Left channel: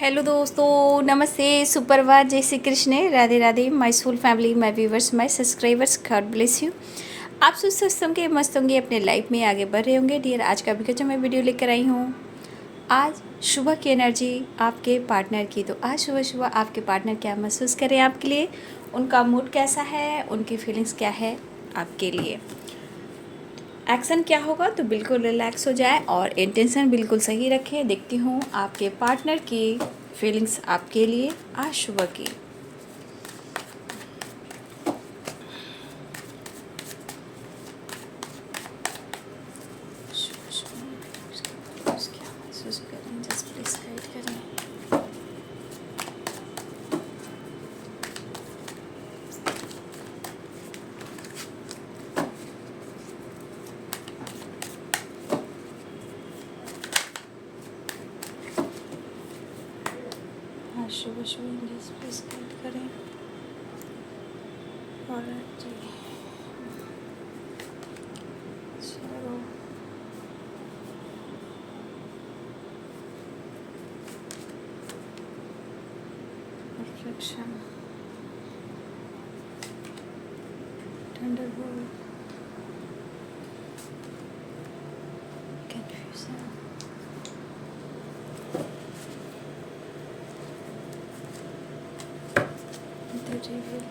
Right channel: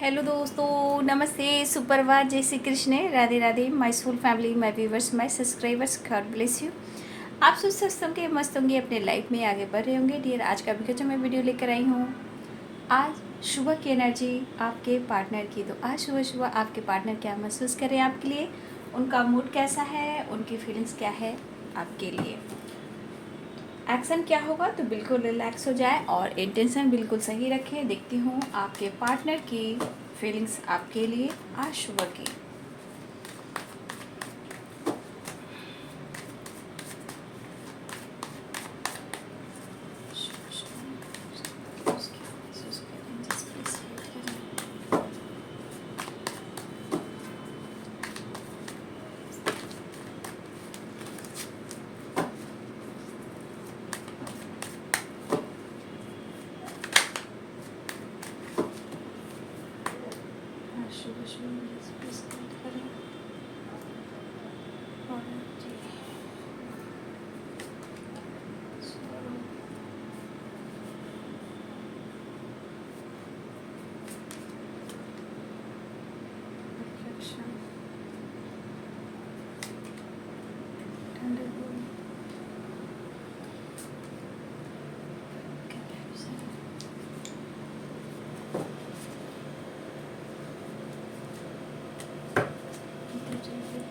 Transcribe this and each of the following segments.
Hello दोस्तों, नमस्ते, सुप्रभात, जय Shri Krishna, Radhe Radhe, my soul family, my viewers, my subscribers, God bless you. आप स्वस्थ होंगे, मस्त होंगे, अपने लाइफ में आगे बढ़ रहे होंगे। डियर, आज का भी जो मैं वीडियो लेकर आई हूँ, आज सुबह की एनर्जी आपके पार्टनर की। तो आज सुबह सुबह आपके पार्टनर क्या महसूस करें आपके लिए, उनका मूड कैसा है, उनकी फीलिंग्स क्या है आपके लिए, एक्शन क्या होगा। तो बिल्कुल रिलैक्स हो जाए और इंटेंशन बिल्कुल सही रखें। देखती हूँ आपके पार्टनर की फीलिंग्स आपके लिए आज सुबह की। क्या महसूस करें, जस्ट प्लीज हाइड करें। आज सुबह सुबह जस्ट प्लीज हाइड करें। और जी, sorrow, reflection, thunderbolt, confusion, the devil,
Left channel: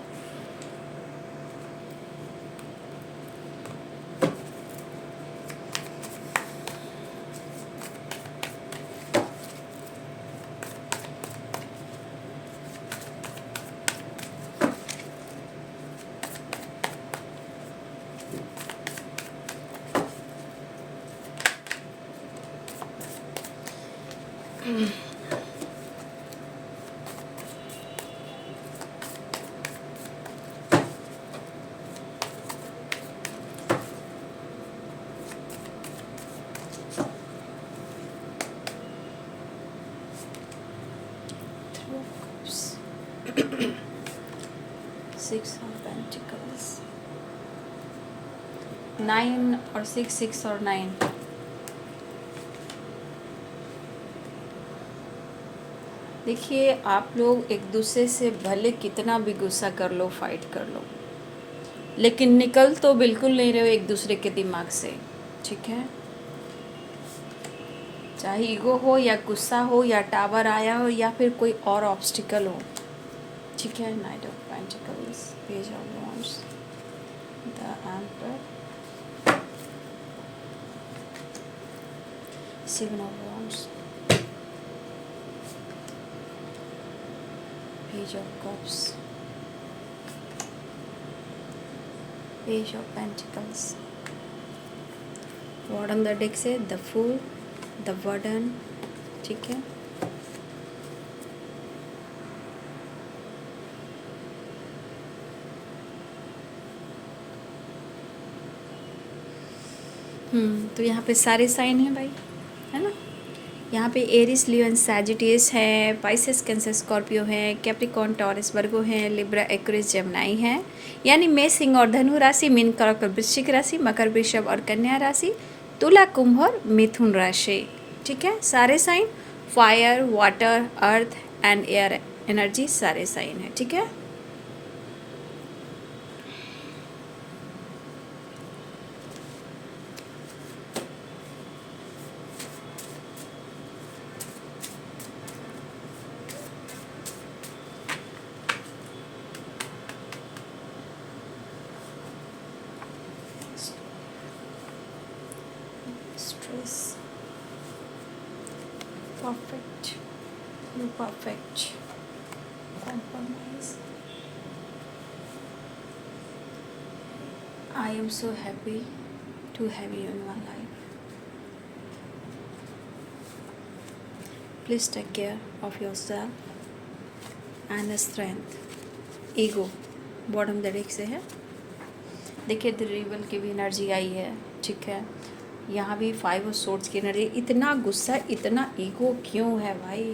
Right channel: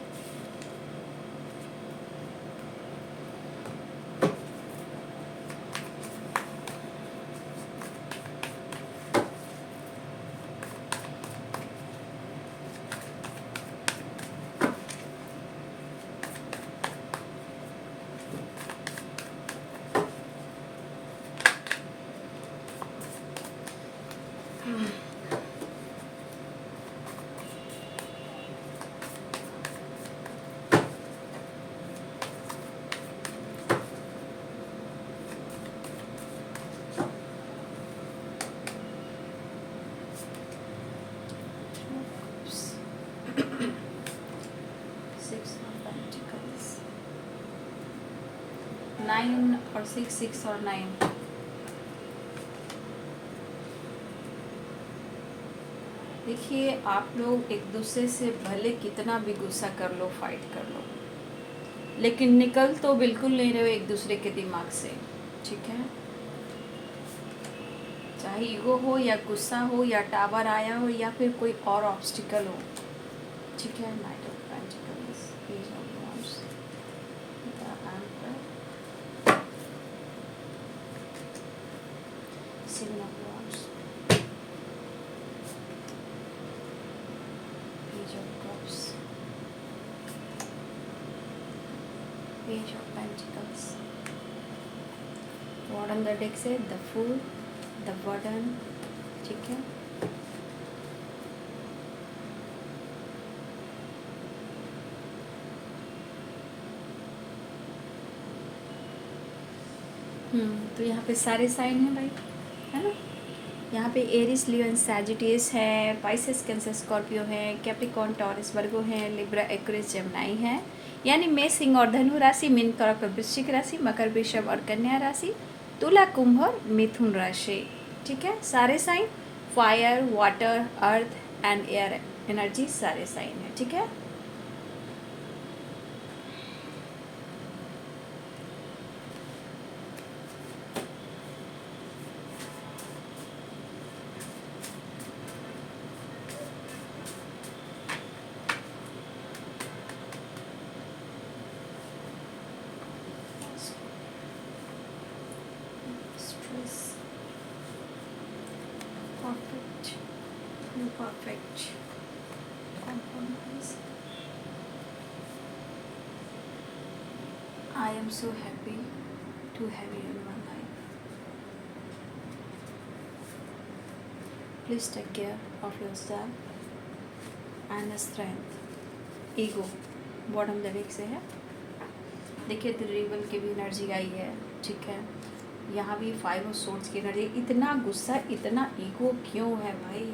two of cups, six of pentacles, 9 और 6, 6 और 9। देखिए, आप लोग एक दूसरे से भले कितना भी गुस्सा कर लो, फाइट कर लो, लेकिन निकल तो बिल्कुल नहीं रहे हो एक दूसरे के दिमाग से। ठीक है, चाहे ईगो हो या गुस्सा हो या टावर आया हो या फिर कोई और ऑब्स्टिकल हो। ठीक है, night of pentacles, page of wands, the emperor, seven of wands, page of cups, page of pentacles. Bottom the deck से द फूल, द वार्डन। ठीक है, तो यहाँ पे सारे साइन हैं भाई, है ना। यहाँ पे एरिस, लियो, सैजिटेरियस है, पाइसेस, कैंसर, स्कॉर्पियो है, कैप्रिकॉर्न, टॉरस, वर्गो है, लिब्रा, एक्वेरियस, जेमिनी है। यानी मेष, सिंह और धनु राशि, मीन, कर्क और वृश्चिक राशि, मकर, वृषभ और कन्या राशि, तुला, कुंभ और मिथुन राशि। ठीक है, सारे sign fire, water, earth and air energy, सारे साइन है। ठीक है, stress, perfect, imperfect, compromise. I am so happy to have you in my life. Please take care of yourself and strength. Ego bottom the deck से है। देखिए, the reveal की भी energy आई है। ठीक है, यहाँ भी 5 ऑफ सोर्ड्स की एनर्जी। इतना गुस्सा, इतना ईगो क्यों है भाई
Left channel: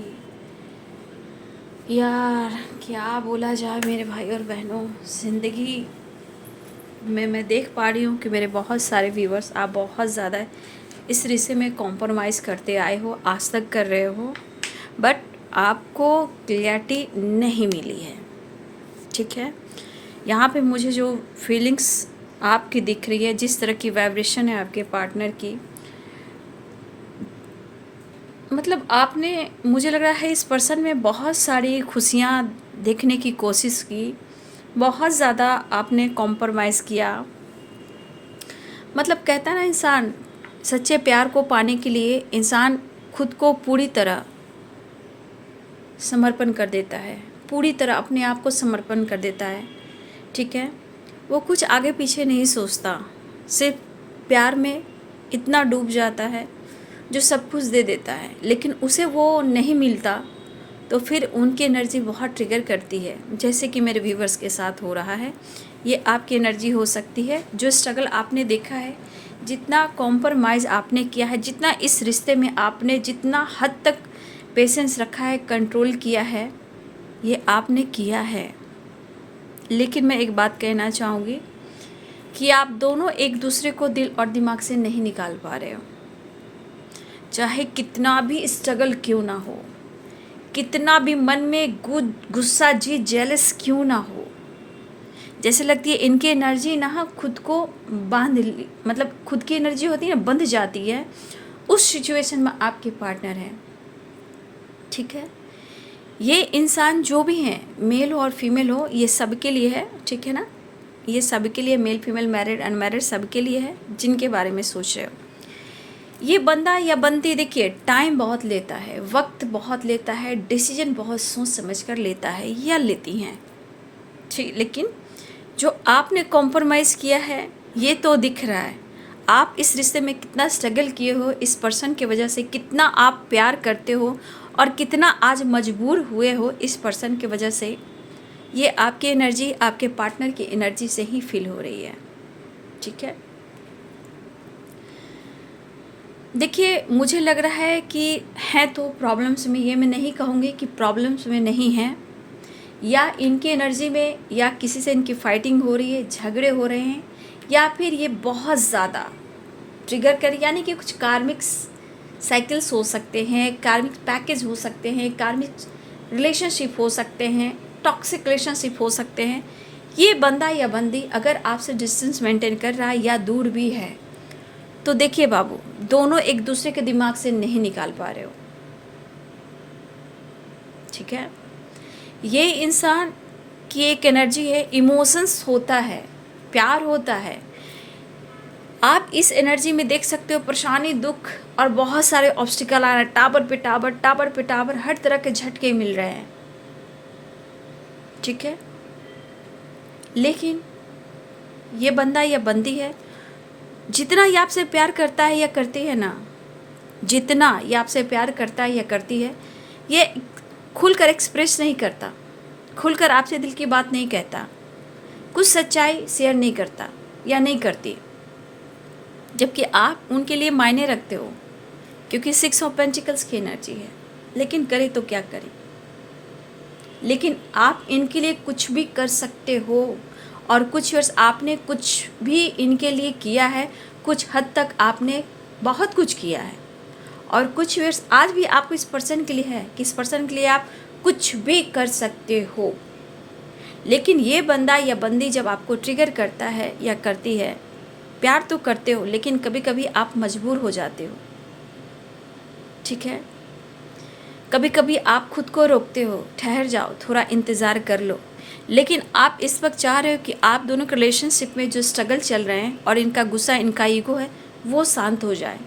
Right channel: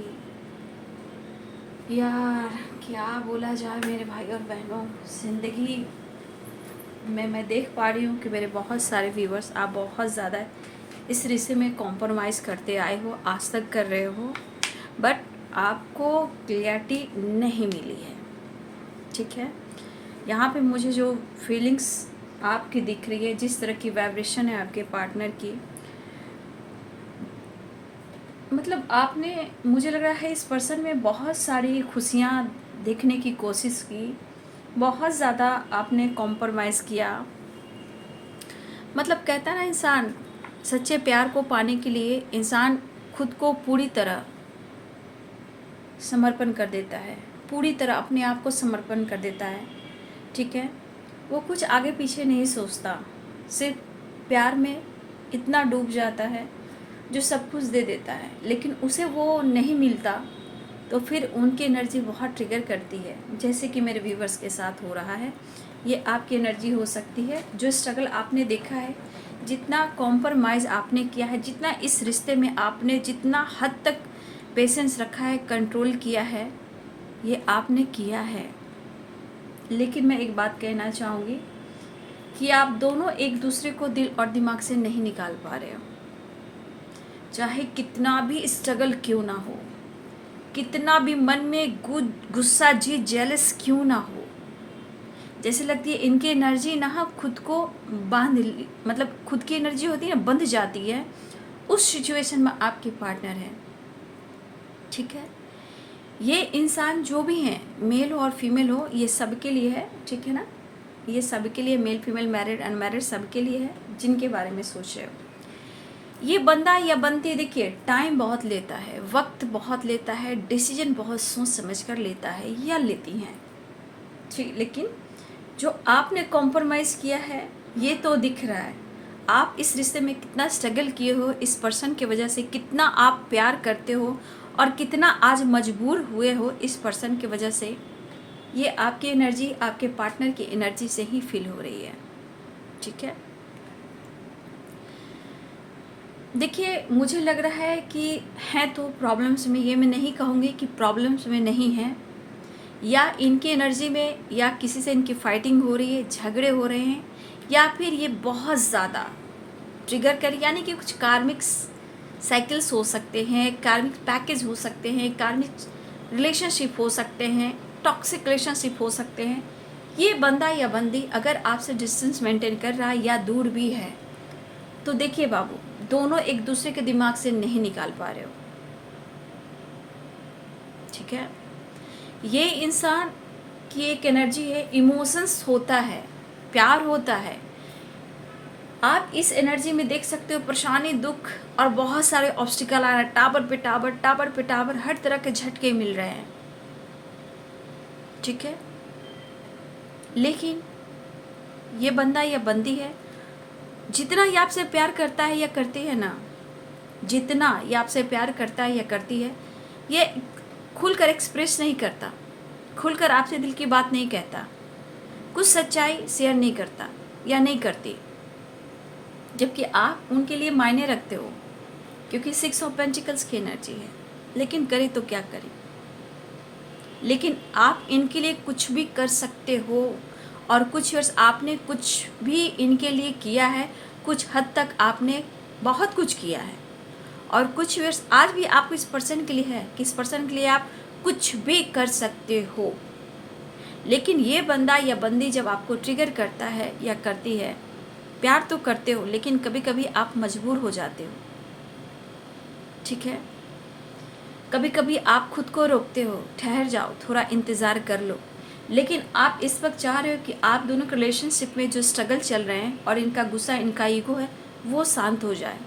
यार, क्या बोला जाए मेरे भाई और बहनों। ज़िंदगी में मैं देख पा रही हूँ कि मेरे बहुत सारे व्यूवर्स, आप बहुत ज़्यादा इस रिश्ते में कॉम्प्रोमाइज़ करते आए हो, आज तक कर रहे हो, बट आपको क्लैरिटी नहीं मिली है, ठीक है। यहाँ पे मुझे जो फीलिंग्स आपकी दिख रही है, जिस तरह की वाइब्रेशन है आपके पार्टनर की, मतलब आपने, मुझे लग रहा है इस पर्सन में बहुत सारी खुशियाँ देखने की कोशिश की, बहुत ज़्यादा आपने कॉम्प्रोमाइज़ किया। मतलब कहता है ना, इंसान सच्चे प्यार को पाने के लिए इंसान खुद को पूरी तरह समर्पण कर देता है, पूरी तरह अपने आप को समर्पण कर देता है, ठीक है। वो कुछ आगे पीछे नहीं सोचता, सिर्फ प्यार में इतना डूब जाता है जो सब कुछ दे देता है, लेकिन उसे वो नहीं मिलता तो फिर उनकी एनर्जी बहुत ट्रिगर करती है, जैसे कि मेरे व्यूवर्स के साथ हो रहा है। ये आपकी एनर्जी हो सकती है। जो स्ट्रगल आपने देखा है, जितना कॉम्प्रोमाइज़ आपने किया है, जितना इस रिश्ते में आपने जितना हद तक पेशेंस रखा है, कंट्रोल किया है, ये आपने किया है। लेकिन मैं एक बात कहना चाहूँगी कि आप दोनों एक दूसरे को दिल और दिमाग से नहीं निकाल पा रहे हो। चाहे कितना भी स्ट्रगल क्यों ना हो, कितना भी मन में गुस्सा जी जेलस क्यों ना हो, जैसे लगती है इनकी एनर्जी ना खुद को मतलब खुद की एनर्जी होती है ना, बंध जाती है। उस सिचुएशन में आपके पार्टनर हैं, ठीक है। ये इंसान जो भी हैं, मेल हो और फीमेल हो, ये सबके लिए है, ठीक है ना। ये सबके लिए, मेल फीमेल मैरिड अनमैरिड सबके लिए है, जिनके बारे में सोच रहे हो। ये बंदा या बंदी, देखिए टाइम बहुत लेता है, वक्त बहुत लेता है, डिसीजन बहुत सोच समझ कर लेता है या लेती हैं, ठीक। लेकिन जो आपने कॉम्प्रोमाइज़ किया है, ये तो दिख रहा है। आप इस रिश्ते में कितना स्ट्रगल किए हो, इस पर्सन की वजह से कितना आप प्यार करते हो और कितना आज मजबूर हुए हो इस पर्सन की वजह से। ये आपकी एनर्जी आपके पार्टनर की एनर्जी से ही फील हो रही है, ठीक है। देखिए मुझे लग रहा है कि हैं तो प्रॉब्लम्स में, ये मैं नहीं कहूँगी कि प्रॉब्लम्स में नहीं हैं, या इनकी एनर्जी में या किसी से इनकी फाइटिंग हो रही है, झगड़े हो रहे हैं, या फिर ये बहुत ज़्यादा ट्रिगर कर, यानी कि कुछ कार्मिक साइकिल्स हो सकते हैं, कार्मिक पैकेज हो सकते हैं, कार्मिक रिलेशनशिप हो सकते हैं, टॉक्सिक रिलेशनशिप हो सकते हैं। ये बंदा या बंदी अगर आपसे डिस्टेंस मेंटेन कर रहा है या दूर भी है, तो देखिए बाबू, दोनों एक दूसरे के दिमाग से नहीं निकाल पा रहे हो, ठीक है। ये इंसान की एक एनर्जी है, इमोशंस होता है, प्यार होता है। आप इस एनर्जी में देख सकते हो परेशानी, दुख और बहुत सारे ऑब्स्टिकल आ रहे हैं, टावर पे टावर, टावर पे टावर, हर तरह के झटके मिल रहे हैं, ठीक है। लेकिन ये बंदा या बंदी है, जितना ये आपसे प्यार करता है या करती है ना, जितना ये आपसे प्यार करता है या करती है, ये खुलकर एक्सप्रेस नहीं करता, खुलकर आपसे दिल की बात नहीं कहता, कुछ सच्चाई शेयर नहीं करता या नहीं करती, जबकि आप उनके लिए मायने रखते हो, क्योंकि 6 ऑफ पेंटिकल्स की एनर्जी है। लेकिन करे तो क्या करें, लेकिन आप इनके लिए कुछ भी कर सकते हो, और कुछ वर्ष आपने कुछ भी इनके लिए किया है, कुछ हद तक आपने बहुत कुछ किया है, और कुछ वर्ष आज भी आपको इस पर्सन के लिए है कि इस पर्सन के लिए आप कुछ भी कर सकते हो। लेकिन ये बंदा या बंदी जब आपको ट्रिगर करता है या करती है, प्यार तो करते हो लेकिन कभी कभी आप मजबूर हो जाते हो, ठीक है। कभी कभी आप खुद को रोकते हो, ठहर जाओ, थोड़ा इंतज़ार कर लो। लेकिन आप इस वक्त चाह रहे हो कि आप दोनों के रिलेशनशिप में जो स्ट्रगल चल रहे हैं और इनका गुस्सा, इनका ईगो है, वो शांत हो जाए।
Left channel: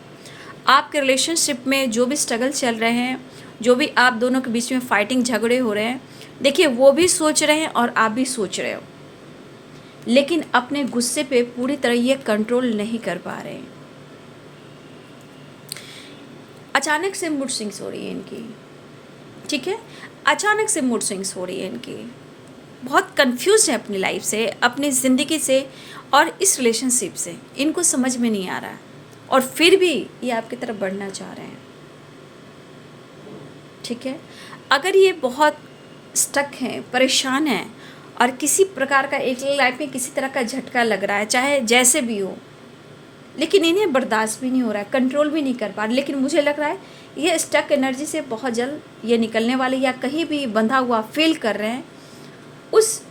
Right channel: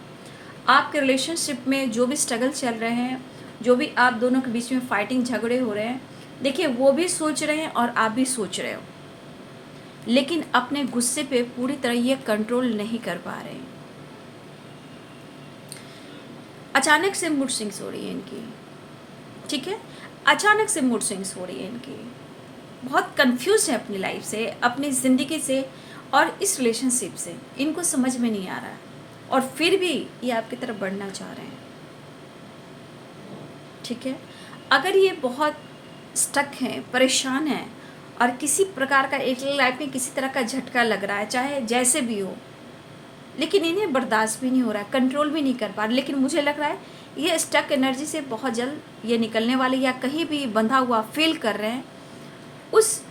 आपके रिलेशनशिप में जो भी स्ट्रगल चल रहे हैं, जो भी आप दोनों के बीच में फाइटिंग, झगड़े हो रहे हैं, देखिए वो भी सोच रहे हैं और आप भी सोच रहे हो, लेकिन अपने गुस्से पे पूरी तरह ये कंट्रोल नहीं कर पा रहे हैं। अचानक से मूड स्विंग्स हो रही है इनकी, ठीक है। अचानक से मूड स्विंग्स हो रही है इनकी, बहुत कंफ्यूज है अपनी लाइफ से, अपनी ज़िंदगी से और इस रिलेशनशिप से। इनको समझ में नहीं आ रहा है और फिर भी ये आपकी तरफ बढ़ना चाह रहे हैं, ठीक है। अगर ये बहुत स्टक हैं, परेशान हैं और किसी प्रकार का एक लाइफ में किसी तरह का झटका लग रहा है, चाहे जैसे भी हो, लेकिन इन्हें बर्दाश्त भी नहीं हो रहा है, कंट्रोल भी नहीं कर पा रहे, लेकिन मुझे लग रहा है ये स्टक एनर्जी से बहुत जल्द ये निकलने वाले, या कहीं भी बंधा हुआ फील कर रहे हैं, उस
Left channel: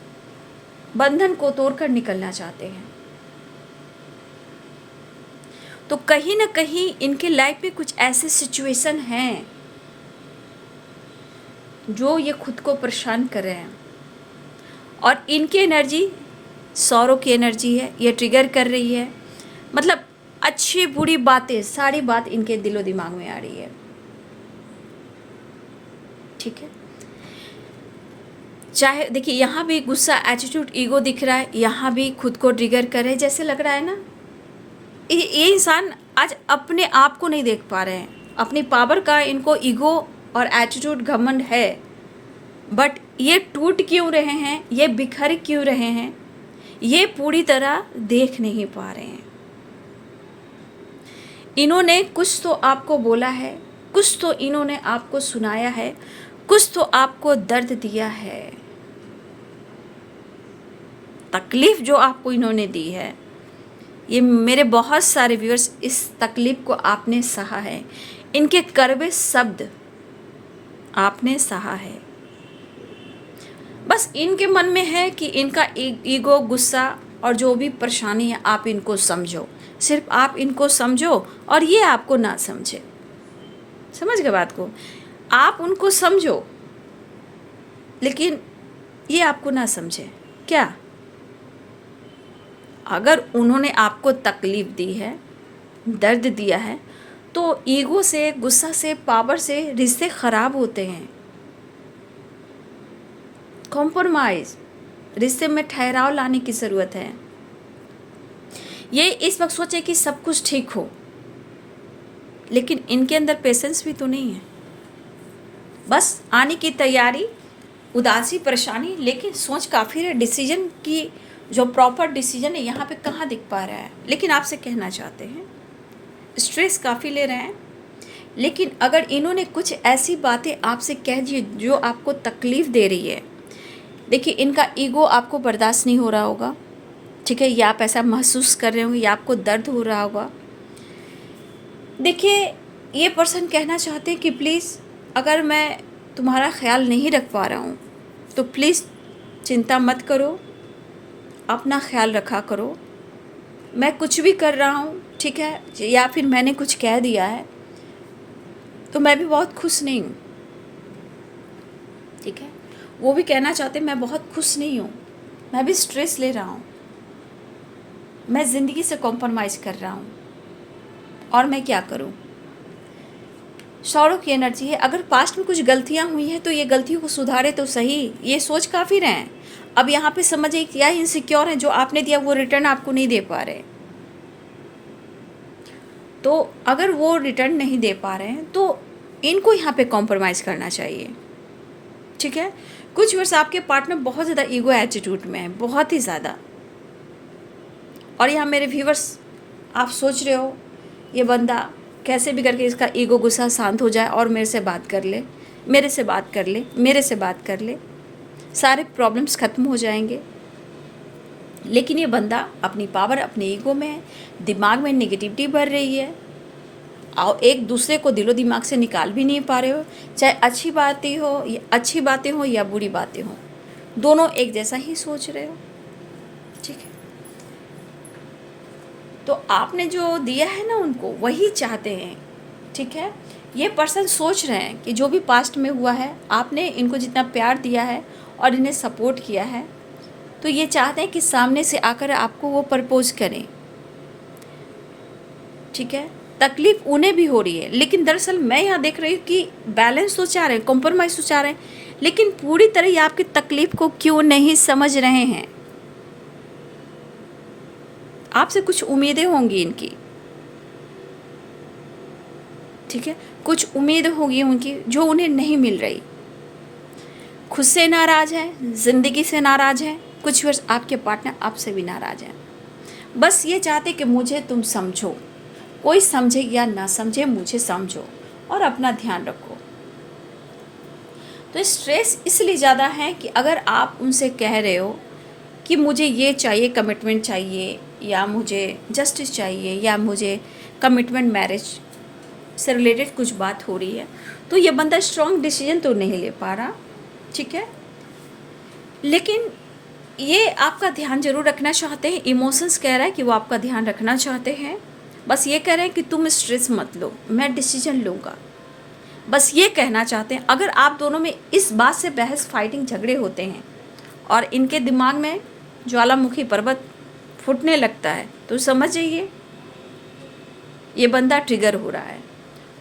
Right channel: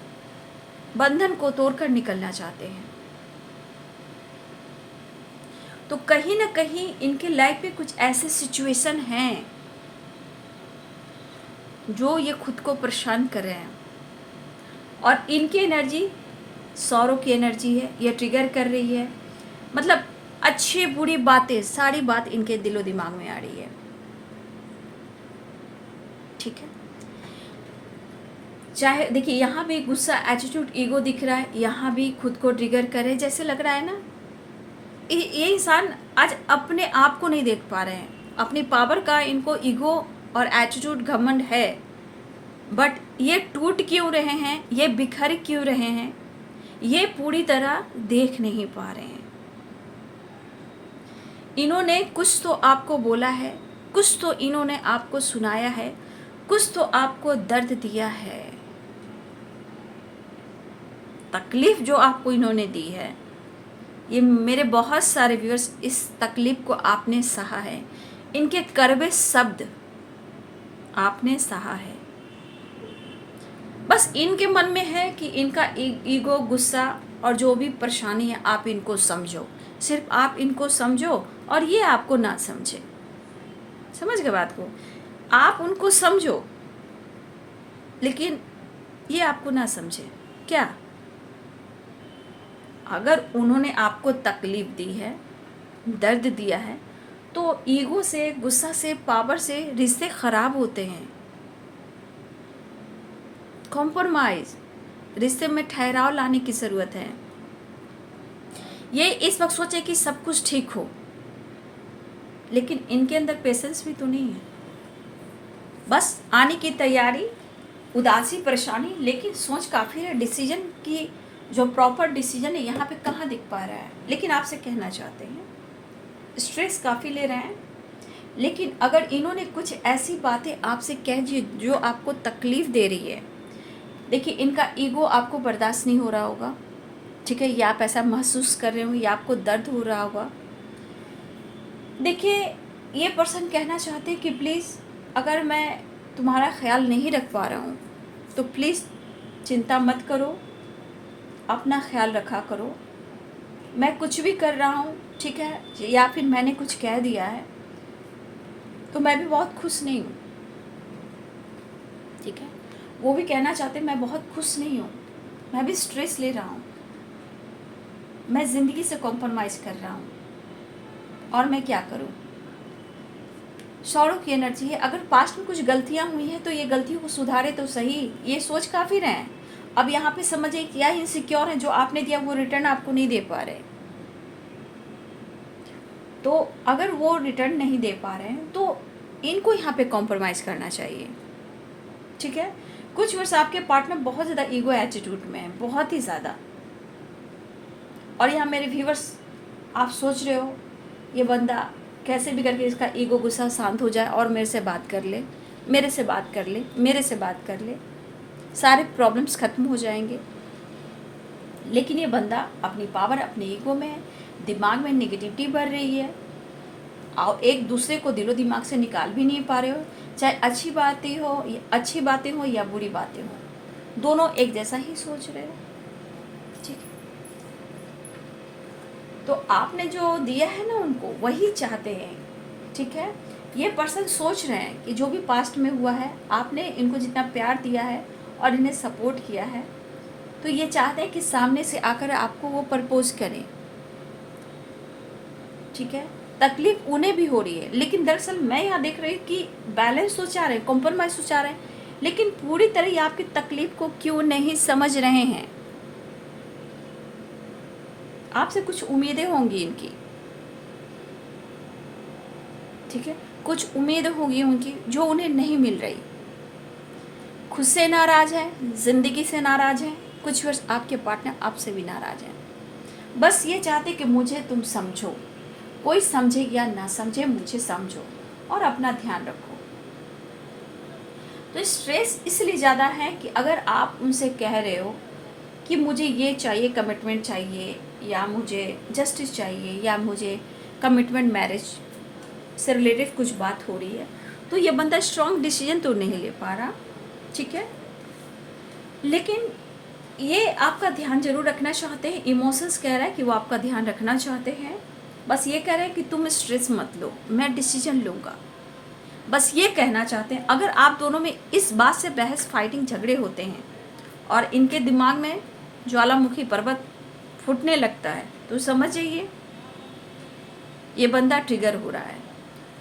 बंधन को तोड़कर निकलना चाहते हैं। तो कहीं ना कहीं इनके लाइफ में कुछ ऐसे सिचुएशन हैं जो ये खुद को परेशान कर रहे हैं, और इनकी एनर्जी सौरों की एनर्जी है, ये ट्रिगर कर रही है। मतलब अच्छी बुरी बातें, सारी बात इनके दिलो दिमाग में आ रही है। ठीक है, चाहे देखिए यहाँ भी गुस्सा, एटीट्यूड, ईगो दिख रहा है, यहाँ भी खुद को ट्रिगर करे जैसे लग रहा है ना। ये इंसान आज अपने आप को नहीं देख पा रहे हैं, अपनी पावर का इनको ईगो और एटीट्यूड, घमंड है, बट ये टूट क्यों रहे हैं, ये बिखर क्यों रहे हैं, ये पूरी तरह देख नहीं पा रहे हैं। इन्होंने कुछ तो आपको बोला है, कुछ तो इन्होंने आपको सुनाया है, कुछ तो आपको दर्द दिया है, तकलीफ जो आपको इन्होंने दी है। ये मेरे बहुत सारे व्यूअर्स, इस तकलीफ को आपने सहा है, इनके कड़वे शब्द आपने सहा है। बस इनके मन में है कि इनका ईगो, गुस्सा और जो भी परेशानी है आप इनको समझो, सिर्फ आप इनको समझो और ये आपको ना समझे। समझ गए बात को? आप उनको समझो लेकिन ये आपको ना समझे। क्या? अगर उन्होंने आपको तकलीफ दी है, दर्द दिया है, तो ईगो से, गुस्सा से, पावर से रिश्ते खराब होते हैं। कॉम्प्रोमाइज़, रिश्ते में ठहराव लाने की ज़रूरत है। ये इस वक्त सोचे कि सब कुछ ठीक हो, लेकिन इनके अंदर पेशेंस भी तो नहीं है। बस आने की तैयारी, उदासी, परेशानी, लेकिन सोच काफ़ी है। डिसीजन की जो प्रॉपर डिसीजन है यहाँ पे कहाँ दिख पा रहा है। लेकिन आपसे कहना चाहते हैं, स्ट्रेस काफ़ी ले रहे हैं, लेकिन अगर इन्होंने कुछ ऐसी बातें आपसे कह दी जो आपको तकलीफ़ दे रही है, देखिए इनका ईगो आपको बर्दाश्त नहीं हो रहा होगा। ठीक है, या आप ऐसा महसूस कर रहे होंगे, या आपको दर्द हो रहा होगा। देखिए ये पर्सन कहना चाहते हैं कि प्लीज़, अगर मैं तुम्हारा ख्याल नहीं रख पा रहा हूँ तो प्लीज़ चिंता मत करो, अपना ख्याल रखा करो। मैं कुछ भी कर रहा हूँ, ठीक है, या फिर मैंने कुछ कह दिया है तो मैं भी बहुत खुश नहीं हूँ। ठीक है, वो भी कहना चाहते मैं बहुत खुश नहीं हूँ, मैं भी स्ट्रेस ले रहा हूँ, मैं ज़िंदगी से कॉम्प्रोमाइज़ कर रहा हूँ, और मैं क्या करूँ। सौरों की एनर्जी है। अगर पास्ट में कुछ गलतियाँ हुई हैं तो ये गलतियों को सुधारे तो सही, ये सोच काफ़ी रहे हैं। अब यहाँ पे समझिए क्या इनसिक्योर है, जो आपने दिया वो रिटर्न आपको नहीं दे पा रहे। तो अगर वो रिटर्न नहीं दे पा रहे हैं तो इनको यहाँ पे कॉम्प्रोमाइज़ करना चाहिए। ठीक है, कुछ वर्ष आपके पार्टनर बहुत ज़्यादा ईगो एटीट्यूड में है, बहुत ही ज़्यादा। और यहाँ मेरे व्यूवर्स, आप सोच रहे हो ये बंदा कैसे भी करके इसका ईगो, गुस्सा शांत हो जाए और मेरे से बात कर ले, मेरे से बात कर ले, मेरे से बात कर ले, सारे प्रॉब्लम्स ख़त्म हो जाएंगे। लेकिन ये बंदा अपनी पावर, अपने ईगो में, दिमाग में नेगेटिविटी भर रही है, और एक दूसरे को दिलो दिमाग से निकाल भी नहीं पा रहे हो। चाहे अच्छी बातें हो या बुरी बातें हो, दोनों एक जैसा ही सोच रहे हो। ठीक है, तो आपने जो दिया है ना उनको, वही चाहते हैं। ठीक है, ये पर्सन सोच रहे हैं कि जो भी पास्ट में हुआ है, आपने इनको जितना प्यार दिया है और इन्हें सपोर्ट किया है, तो ये चाहते हैं कि सामने से आकर आपको वो प्रपोज करें। ठीक है, तकलीफ उन्हें भी हो रही है, लेकिन दरअसल मैं यहाँ देख रही हूँ कि बैलेंस तो चाह रहे हैं, कॉम्प्रोमाइज़ तो चाह रहे हैं, लेकिन पूरी तरह ये आपकी तकलीफ को क्यों नहीं समझ रहे हैं। आपसे कुछ उम्मीदें होंगी इनकी। ठीक है, कुछ उम्मीदें होंगी उनकी जो उन्हें नहीं मिल रही। खुद से नाराज़ है, ज़िंदगी से नाराज़ है, कुछ वर्ष आपके पार्टनर आपसे भी नाराज़ हैं। बस ये चाहते कि मुझे तुम समझो, कोई समझे या ना समझे, मुझे समझो और अपना ध्यान रखो। तो स्ट्रेस इसलिए ज़्यादा है कि अगर आप उनसे कह रहे हो कि मुझे ये चाहिए, कमिटमेंट चाहिए, या मुझे जस्टिस चाहिए, या मुझे कमिटमेंट मैरिज, से रिलेटेड कुछ बात हो रही है, तो ये बंदा स्ट्रॉन्ग डिसीजन तो नहीं ले पा रहा, ठीक है, लेकिन ये आपका ध्यान जरूर रखना चाहते हैं। इमोशंस कह रहा है कि वो आपका ध्यान रखना चाहते हैं। बस ये कह रहे हैं कि तुम स्ट्रेस मत लो, मैं डिसीजन लूँगा, बस ये कहना चाहते हैं। अगर आप दोनों में इस बात से बहस फाइटिंग झगड़े होते हैं और इनके दिमाग में ज्वालामुखी पर्वत फूटने लगता है, तो समझ जाइए ये बंदा ट्रिगर हो रहा है।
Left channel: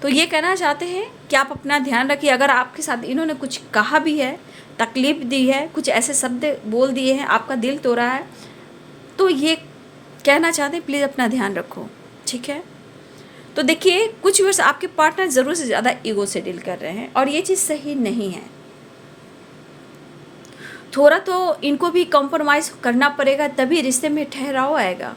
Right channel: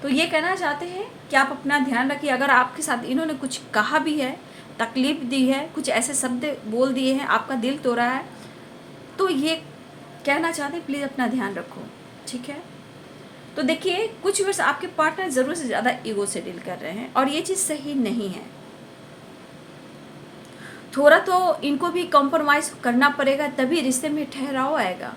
तो ये कहना चाहते हैं कि आप अपना ध्यान रखिए। अगर आपके साथ इन्होंने कुछ कहा भी है, तकलीफ दी है, कुछ ऐसे शब्द बोल दिए हैं, आपका दिल तोड़ा है, तो ये कहना चाहते हैं प्लीज़ अपना ध्यान रखो, ठीक है। तो देखिए कुछ वर्ष आपके पार्टनर ज़रूरत से ज़्यादा ईगो से डील कर रहे हैं और ये चीज़ सही नहीं है। थोड़ा तो इनको भी कॉम्प्रोमाइज़ करना पड़ेगा, तभी रिश्ते में ठहराव आएगा।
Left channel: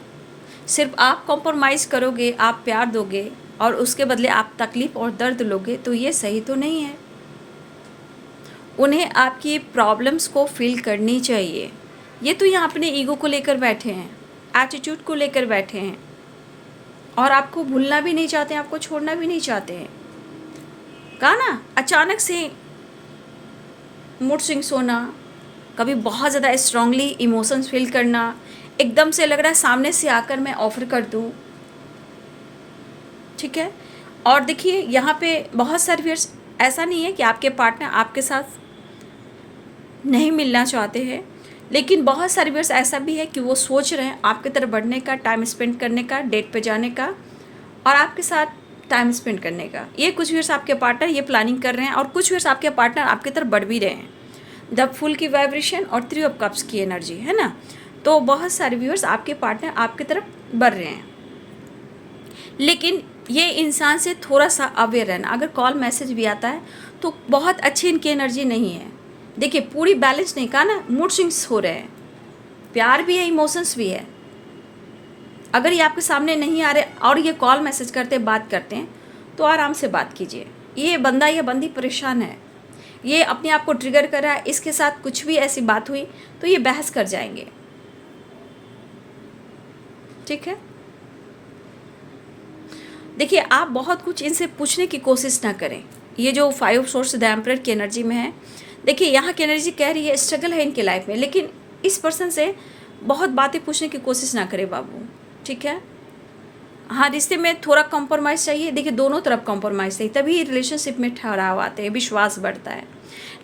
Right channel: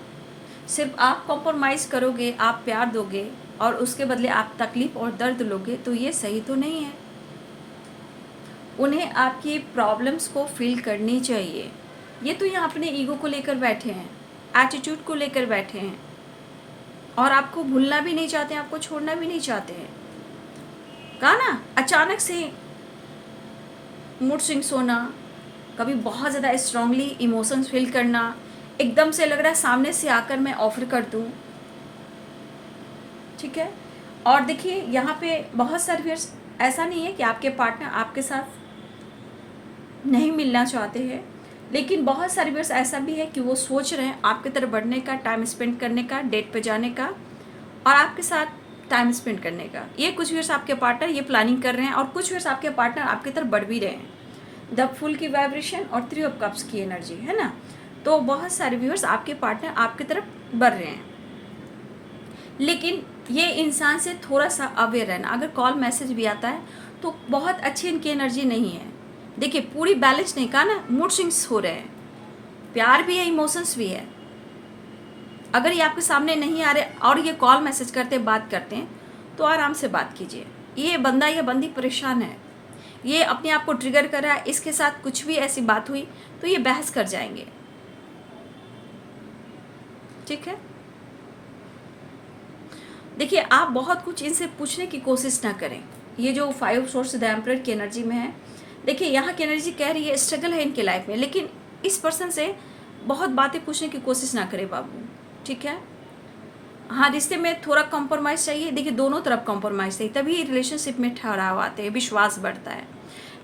सिर्फ आप कॉम्प्रोमाइज़ करोगे, आप प्यार दोगे और उसके बदले आप तकलीफ़ और दर्द लोगे, तो ये सही तो नहीं है। उन्हें आपकी प्रॉब्लम्स को फील करनी चाहिए। ये तो यहाँ अपने ईगो को लेकर बैठे हैं, एटीट्यूड को लेकर बैठे हैं और आपको भूलना भी नहीं चाहते हैं, आपको छोड़ना भी नहीं चाहते हैं। कहा ना, अचानक से मूड स्विंग्स होना, कभी बहुत ज़्यादा स्ट्रांगली इमोशंस फील करना, एकदम से लग रहा है सामने से आकर मैं ऑफर कर दूँ, ठीक है। और देखिए यहाँ पे बहुत सारे व्यूअर्स, ऐसा नहीं है कि आपके पार्टनर आपके साथ नहीं मिलना चाहते हैं, लेकिन बहुत सारे व्यूअर्स ऐसा भी है कि वो सोच रहे हैं आपकी तरफ बढ़ने का, टाइम स्पेंड करने का, डेट पे जाने का और आपके साथ टाइम स्पेंड करने का। ये कुछ व्यूअर्स आपके पार्टनर ये प्लानिंग कर रहे हैं और कुछ व्यूअर्स आपके पार्टनर आपकी तरफ बढ़ भी रहे हैं। द फुल की वाइब्रेशन और 3 ऑफ कप्स की एनर्जी है ना, तो बहुत सारे व्यूअर्स आपके पार्टनर आपकी तरफ बढ़ रहे हैं। लेकिन ये इंसान से थोड़ा सा अवेयर रहना। अगर कॉल मैसेज भी आता है तो बहुत अच्छी इनकी एनर्जी नहीं है। देखिए पूरी बैलेंस नहीं, कहा ना, मूड स्विंग्स हो रहे हैं, प्यार भी है, इमोशंस भी है। अगर ये आपके सामने नहीं आ रहे और ये कॉल मैसेज करते बात करते हैं, तो आराम से बात कीजिए। ये बंदा या बंदी परेशान है, ये अपने आप को ट्रिगर कर रहा है, इसके साथ कुछ भी ऐसी बात हुई तो ये बहस कर जाएंगे, ठीक है। देखिए आप बहुत कुछ इनसे पूछने की कोशिश ना करें। ये जो 5 सोर्स द एम्परर की एनर्जी में है, देखिए यहाँ की एनर्जी कह रही है स्ट्रगल है इनके लाइफ में, लेकिन इस पर्सन से बहुत बातें पूछने की कोशिश ना करें बाबू, ठीक है। हाँ, रिश्ते में थोड़ा कॉम्प्रोमाइज़ चाहिए। देखिए दोनों तरफ कॉम्प्रोमाइज़ चाहिए, तभी रिलेशनशिप में ठहराव आते हैं, विश्वास बढ़ता है।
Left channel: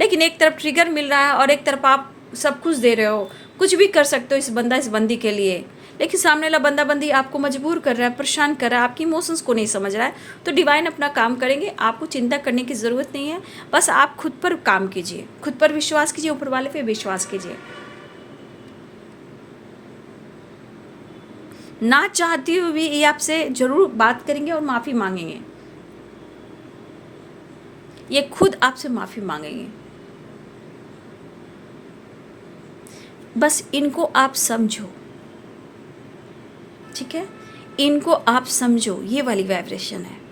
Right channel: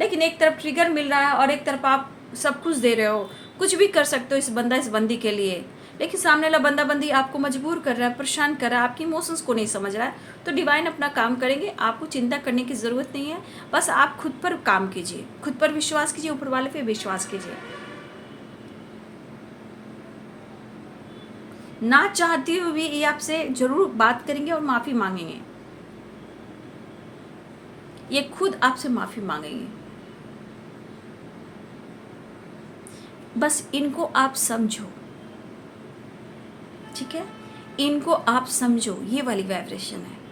लेकिन एक तरफ ट्रिगर मिल रहा है और एक तरफ आप सब कुछ दे रहे हो, कुछ भी कर सकते हो इस बंदा इस बंदी के लिए, लेकिन सामने वाला बंदा बंदी आपको मजबूर कर रहा है, परेशान कर रहा है, आपकी इमोशंस को नहीं समझ रहा है, तो डिवाइन अपना काम करेंगे। आपको चिंता करने की ज़रूरत नहीं है। बस आप खुद पर काम कीजिए, खुद पर विश्वास कीजिए, ऊपर वाले पे विश्वास कीजिए। ना चाहती हुई भी ये आपसे ज़रूर बात करेंगे और माफ़ी मांगेंगे, ये खुद आपसे माफ़ी मांगेंगे। बस इनको आप समझो, ठीक है, इनको आप समझो, ये वाली वाइब्रेशन है।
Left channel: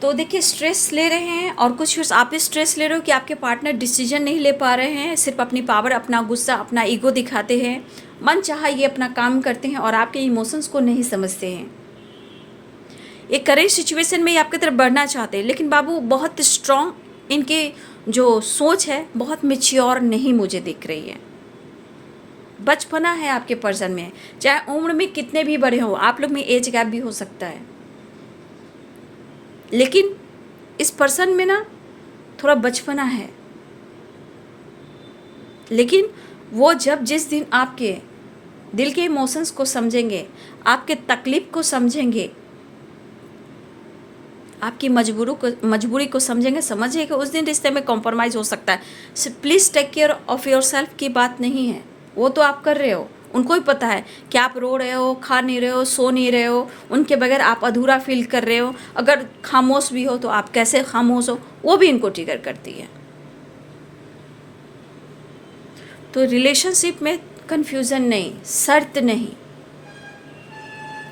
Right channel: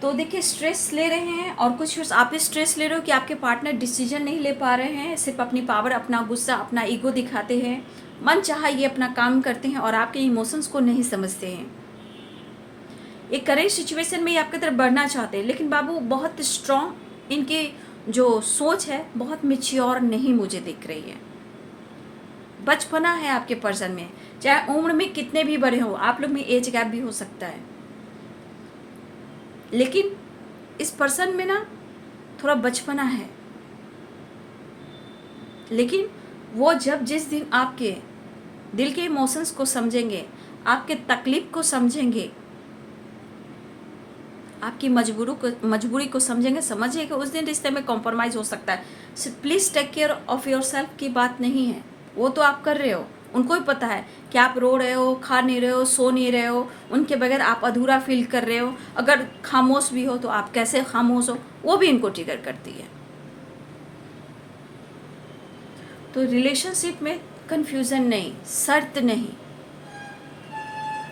तो देखिए स्ट्रेस ले रहे हैं और कुछ फिर आप भी स्ट्रेस ले रहे हो कि आपके पार्टनर डिसीजन नहीं ले पा रहे हैं, सिर्फ अपनी पावर, अपना गुस्सा, अपना ईगो दिखाते हैं, मन चाहा ये अपना काम करते हैं और आपके इमोशंस को नहीं समझते हैं। एक करेंट सिचुएशन में ये आपकी तरफ बढ़ना चाहते हैं, लेकिन बाबू बहुत स्ट्रॉन्ग इनकी जो सोच है बहुत मैच्योर नहीं मुझे दिख रही है। बचपना है आपके पर्सन में, चाहे उम्र में कितने भी बड़े हो, आप लोग में एज गैप भी हो सकता है, लेकिन इस पर्सन में ना थोड़ा बचपना है। लेकिन वो जब जिस दिन आपके दिल के इमोशंस को समझेंगे, आपके तकलीफ को समझेंगे, आपकी मजबूरी को समझेंगे, समझिएगा उस दिन रिश्ते में कॉम्प्रोमाइज़ हो सकता है। Please take care of yourself की बात नहीं है, वो तो आप कर रहे हो, उनको भी पता है कि आप रो रहे हो, खा नहीं रहे हो, सो नहीं रहे हो, उनके बगैर आप अधूरा फील कर रहे हो। अगर खामोश भी हो तो आप कैसे खामोश हो, वो भी इनको ट्रिगर करती है। तो रिलेशनशिप में कन्फ्यूज़न नहीं, शर्त नहीं,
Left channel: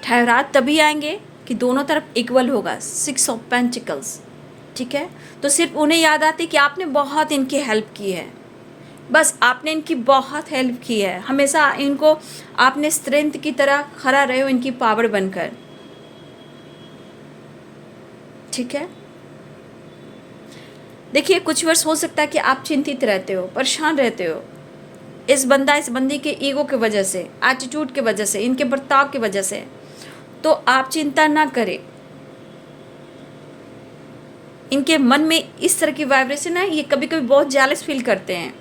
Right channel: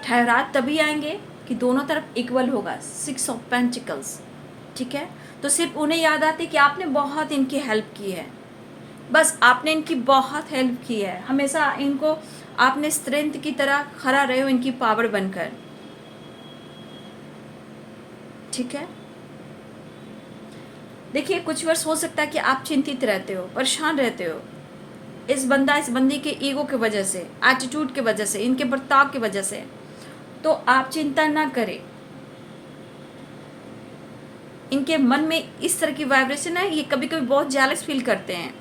ठहराव तभी आएंगे कि दोनों तरफ इक्वल होगा। 6 ऑफ पेंटिकल्स, ठीक है। तो सिर्फ उन्हें याद आती कि आपने बहुत इनकी हेल्प की है, बस आपने इनकी बहुत हेल्प की है, हमेशा इनको आपने स्ट्रेंथ की तरह खड़ा रहे हो इनकी पावर बनकर। ठीक है। देखिए कुछ वर्ष हो सकता है कि आप चिंतित रहते हो, परेशान रहते हो इस बंदी के ईगो की वजह से, एटीट्यूड की वजह से, इनके बर्ताव की वजह से। तो आप चिंता ना करें। इनके मन में इस तरह की वाइब्रेशन है, ये कभी कभी बहुत जेलस फील करते हैं।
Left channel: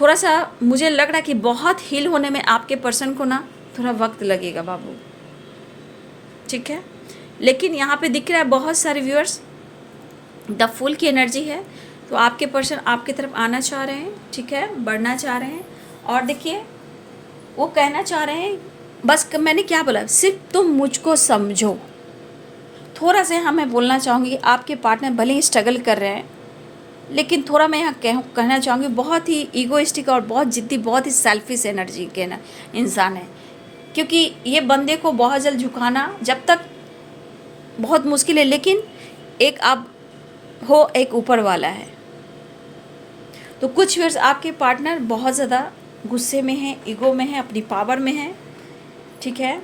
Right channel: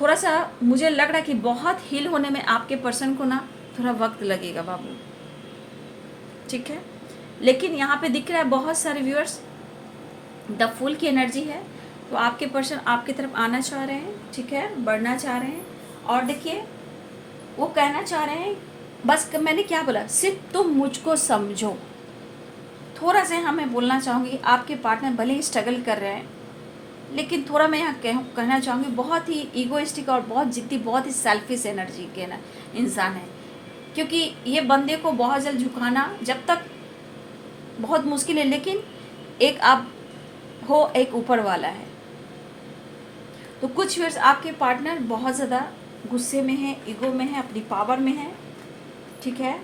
थोड़ा सा मुझे लग रहा है कि बहुत हील होने में आपके पर्सन को ना थोड़ा वक्त लगेगा बाबू, ठीक है। लेकिन यहाँ पे दिख रहा है बहुत सारे व्यूअर्स, द फुल की एनर्जी है। तो आपके पर्सन आपकी तरफ आना चाह रहे हैं, ठीक है, बढ़ना चाह रहे हैं। और देखिए वो कहना चाह रहे हैं, बस मैंने क्या बोला, सिर्फ तुम मुझको समझो। थोड़ा सा यहाँ मैं बोलना चाहूँगी, आपके पार्टनर भले ही स्ट्रगल कर रहे हैं, लेकिन थोड़ा मैं यहाँ कहना चाहूँगी, बहुत ही ईगोइस्टिक और बहुत जिद्दी, बहुत ही सेल्फिश एनर्जी के ना इंसान है। क्योंकि ये बंदे को बहुत जल्द झुकाना जब तक बहुत मुश्किल है, लेकिन एक आप हो, एक ऊपर वाला है। तो कुछ वर्ष आपके पार्टनर बहुत ज़्यादा गुस्से में है, ईगो में है, अपनी पावर में है, ठीक है।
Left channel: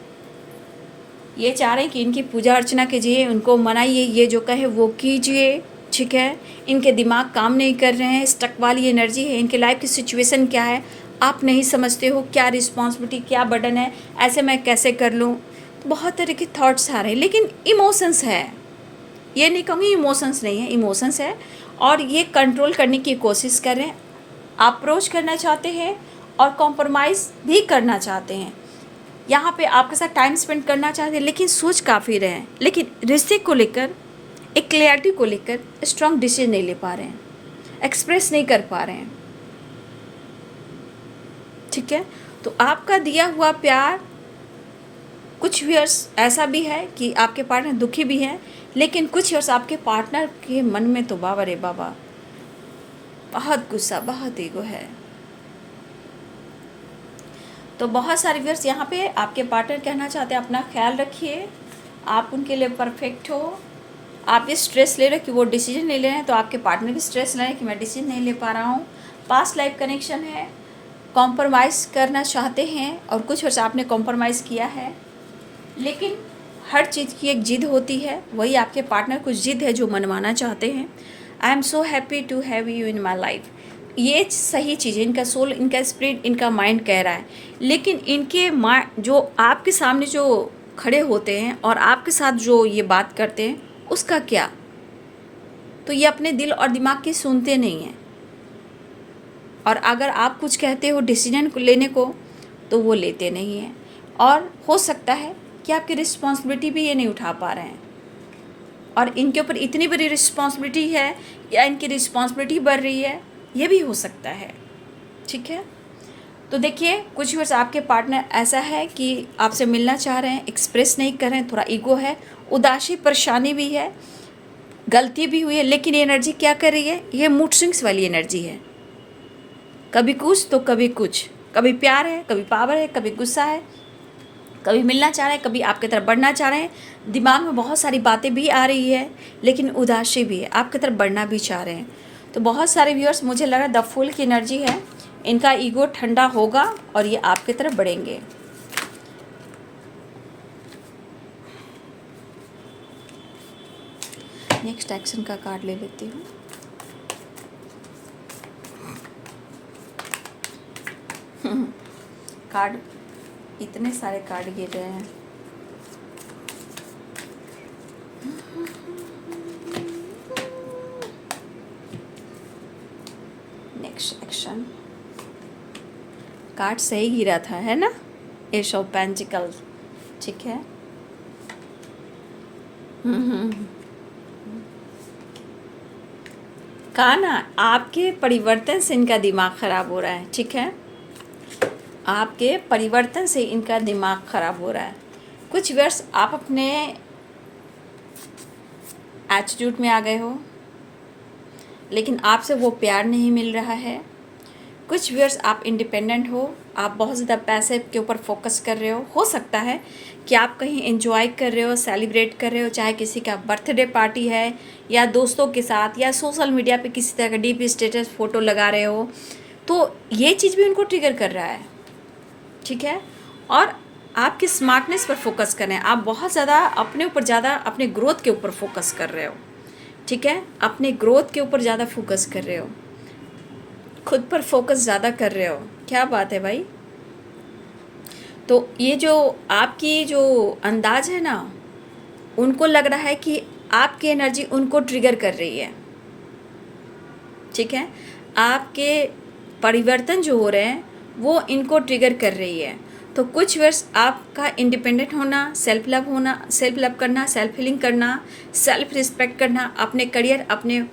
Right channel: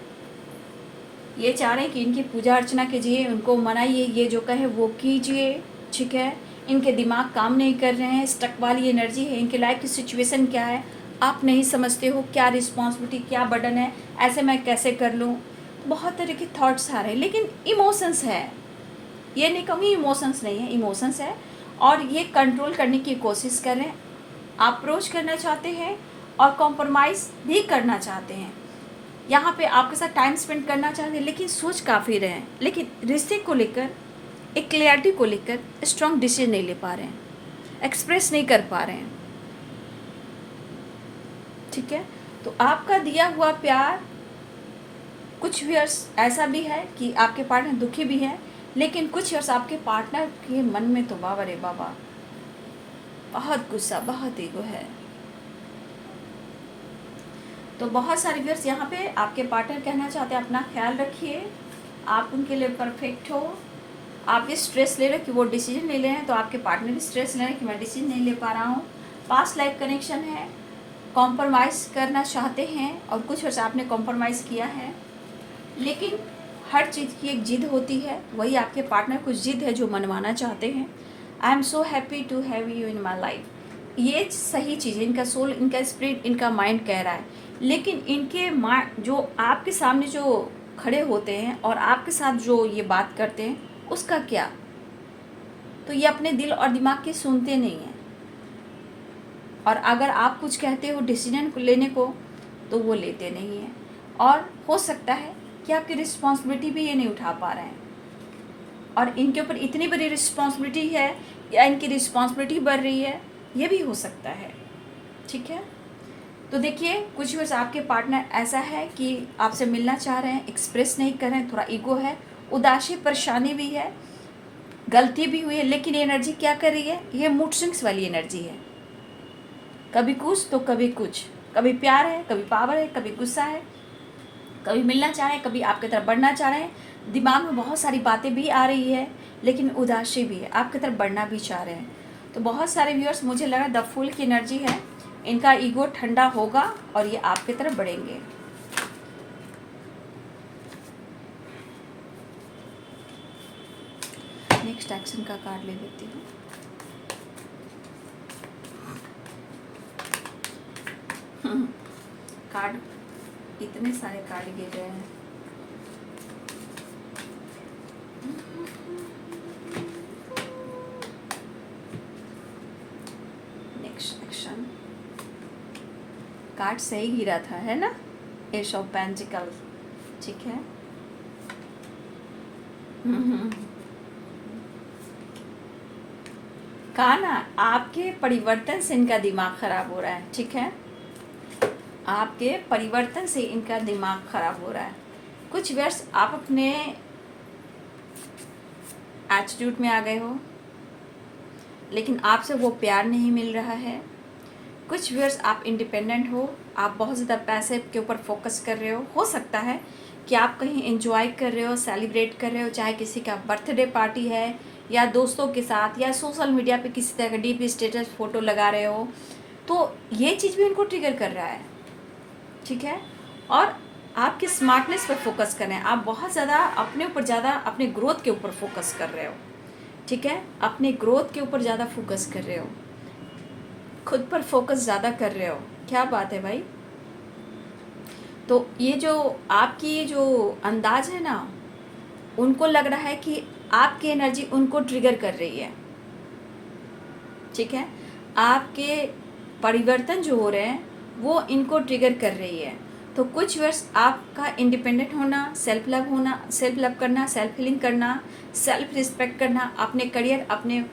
ये चाह रहे हैं कि इनकी पूजा अर्चना कीजिए, उनको मनाइए, ये जो कहे वो कीजिए, ठीक है। इनके दिमाग काम नहीं कर रहे हैं, स्टक वाली एनर्जी है। इनके लाइफ की सिचुएशन क्या है आप नहीं समझते हो, क्या रिस्पॉन्सिबिलिटी, क्या बर्डन है, ऐसे मैं कैसे कर लूँ। बहुत तरह के थॉट्स आ रहे हैं, लेकिन इमोशंस है, ये नहीं कहूँगी इमोशंस नहीं है, इमोशंस है। और ये कंट्रोल करने की कोशिश कर रहे हैं, अप्रोच करना चाहते हैं और कॉम्प्रोमाइज़ भी करना चाहते हैं। यहाँ पे आपके साथ टाइम स्पेंड करना चाहते हैं, लेकिन सोच काफ़ी रहे हैं। लेकिन रिश्ते को लेकर, एक क्लैरिटी को लेकर स्ट्रॉन्ग डिसीजन नहीं ले पा रहे हैं, एक्सप्रेस नहीं कर पा रहे हैं, ठीक है। तो आपका दिया हुआ प्यार, कुछ व्यूअर्स ऐसा भी है कि आपके पार्टनर दुखी भी हैं, लेकिन कुछ व्यूअर्स आपके पार्टनर के मन में तो बाबा रे बाबा बहुत गुस्सा, बहुत ईगो है। तो बहुत सारे व्यूअर्स यहाँ पे आपके पार्टनर कहना चाहते हैं, अपना ख्याल रखिए, आप उनके लिए परफेक्ट हो। आप ये स्ट्रेस ले रहे कि वो डिसीजन नहीं ले रहे हैं, तो आपके पार्टनर भी स्ट्रेस ले रहे हैं कि मैं डिसीजन नहीं ले पा रहा हूँ। पास्ट लाइफ कनेक्शन है, कॉम्प्रोमाइज़ करना चाहते हैं, और कुछ वर्ष आपने कॉम्प्रोमाइज़ किया है। लेकिन हर चीज़ की एक जिद होती है, वही आपके पार्टनर कुछ जिद है जो मनवाना चाहते हैं। I am so happy to have you in my life, ये सही चीज़ है, इनका सोल, इनका स्पिरिट, इनका माइंड कह रहा है। लेकिन इनके माइंड जो आपके सामने जो खड़े होते हैं और आपके साथ जो ये बात करते हैं, उसका क्या? तो ये अपने दिल और दिमाग की सुनते नहीं हैं। और अगर आप कुछ कहते हो डिसीजन लेने को, तो वो लेते नहीं हैं। और हो सकता है कि आपकी रिस्पॉन्सिबिलिटी भी ये नहीं उठा पा रहे हैं, और इनके ऊपर इतनी बड़ी रिस्पॉन्सिबिलिटी है या इनकी रिस्पॉन्सिबिलिटी बढ़ रही है, ये भी हो सकता है, ठीक है। तो देखिए कुछ वर्ष आपके पार्टनर ऐसा है कि आपसे मिलना चाह रहे हैं, एक्सप्रेस नहीं कर रहे हैं, थोड़ा ईगो है, उदासी, परेशानी भी है, गलती भी हुई है। लेकिन ये एनर्जी क्या कर रही है, ये मूड स्विंग्स वाली एनर्जी है, कभी कुछ तो कभी कुछ, कभी प्यार है, कभी पावर है, कभी गुस्सा है, कभी मिलना चाह रहे हैं, कभी आपकी तरफ बढ़ना चाह रहे हैं। दिमाग में बहुत सारी बातें भी आ रही है, लेकिन उदासी भी है, आपकी तरफ बढ़ना भी चाह रहे हैं। तो बहुत सारे व्यूअर्स, मुझे लग रहा है द फूल की एनर्जी है, इनका ईगो ठंडा होगा और ये आपकी तरफ बढ़ेंगे। नेक्स्ट एक्शन का कार्ड ले लेती हूँ। कार्ड, इतने सारे कार्ड गिर रहे हैं। नेक्स्ट एक्शन कार्ड सही गिरा था, है ना, एस ऑफ पेंटिकल्स, ठीक है। कहा ना, आपके परिवर्तन से इनका दिमाग खराब हो रहा है, ठीक है। आपके परिवर्तन से इनका दिमाग खराब हो रहा है। कुछ वर्ष आप अपने एटीट्यूड में आ गए हो, लेकिन आपसे वो प्यार नहीं मिल रहा है। कुछ वर्ष आप इंडिपेंडेंट हो, आप बहुत ज़्यादा पैसे के ऊपर फोकस कर रहे हो सकता है कि आप कहीं एंजॉय कर रहे हो, सेलिब्रेट कर रहे हो, चाहे किसी का बर्थडे पार्टी है या दोस्तों के साथ, या सोशल मीडिया पे किसी तरह का डीपी स्टेटस फ़ोटो लगा रहे हो, तो ये चीज़ भी उनको ट्रिगर कर रहा है, ठीक है। और आपकी स्मार्टनेस पर फोकस कर रहे हैं, आप बहुत ज़्यादा अपने ऊपर ज़्यादा अपने ग्रोथ के ऊपर फोकस कर रहे हो, ठीक है, अपने ग्रोथ के ऊपर ज़्यादा फोकस कर रहे हो, खुद पर फोकस ज़्यादा कर रहे हो। क्या बात है भाई। तो ये जो आपकी जो अंदाज है ना, उनको लग रहा है कि आपकी एनर्जी उनको ट्रिगर कर रही है, ठीक है, आपके परिवर्तन जो हो रहे हैं वो इनको ट्रिगर कर रही है। तो कुछ वर्ष आपका इंडिपेंडेंट होना, सेल्फ लव करना, सेल्फ हीलिंग करना, सेल्फ रिस्पेक्ट करना, अपने करियर, अपने